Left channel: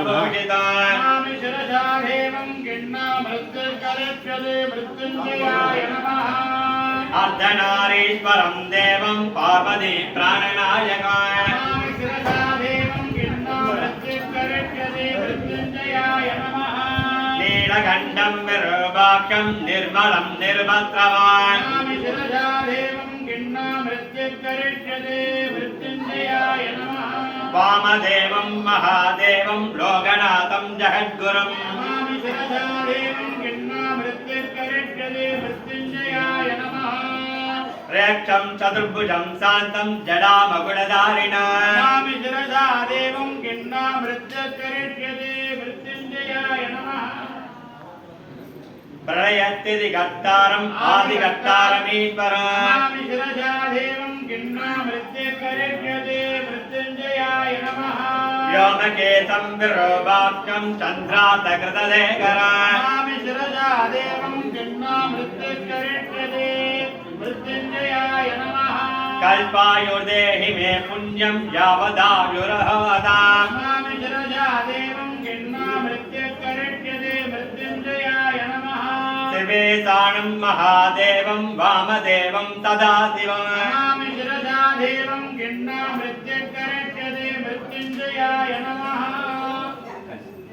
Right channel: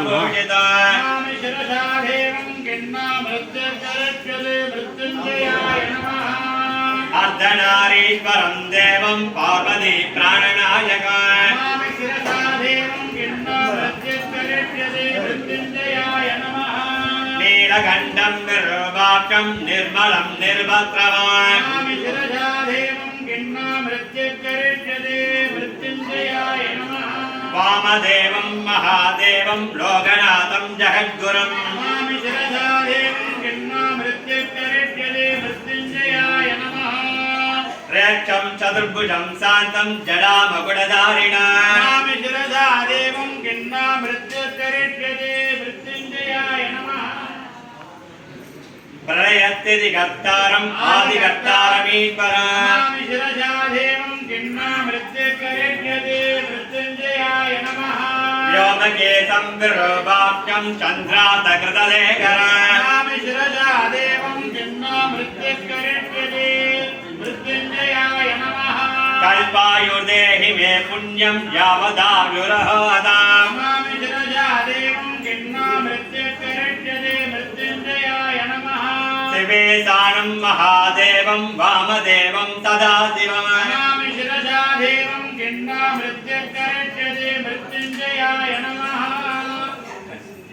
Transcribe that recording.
सर्वपूजितम् शिरसा देवं गिन्नामृत्युर्करिष्यते मृत्युञ्जयाय नमः अर्धनारीश्वरं देवं पार्वती प्राणनायकम् शिरसा देवं गिन्नामृत्युर्करिष्यते मृत्युञ्जयाय नमः नीलकण्ठं विरूपाक्षं निर्मलं निर्मत्रवान् शिरसा देवं गिन्नामृत्युर्करिष्यते मृत्युञ्जयाय नमः वामदेवं महादेवं लोकनाथं जगद्गुरुं शिरसा देवं गिन्नामृत्युर्करिष्यते मृत्युञ्जयाय नमः रेक्षं चतुर्भुजं शान्तं जडामकुटधारिणं शिरसा देवं गिन्नामृत्युर्करिष्यते मृत्युञ्जयाय नमः प्रलयस्थितिकर्तारम् आदिकर्तारमीश्वरं शिरसा देवं गिन्नामृत्युर्करिष्यते मृत्युञ्जयाय नमः व्योमकेशं विरूपाक्षं चन्द्रातकृतलेखरं शिरसा देवं गिन्नामृत्युर्करिष्यते मृत्युञ्जयाय नमः कल्पायुर्देहि मे पुण्यं यावदायुरहताम् शिरसा देवं गिन्नामृत्युर्करिष्यते मृत्युञ्जयाय नमः शिवेशानं महादेवं वामदेवं सदाशिवं शिरसा देवं गिन्नामृत्युर्करिष्यते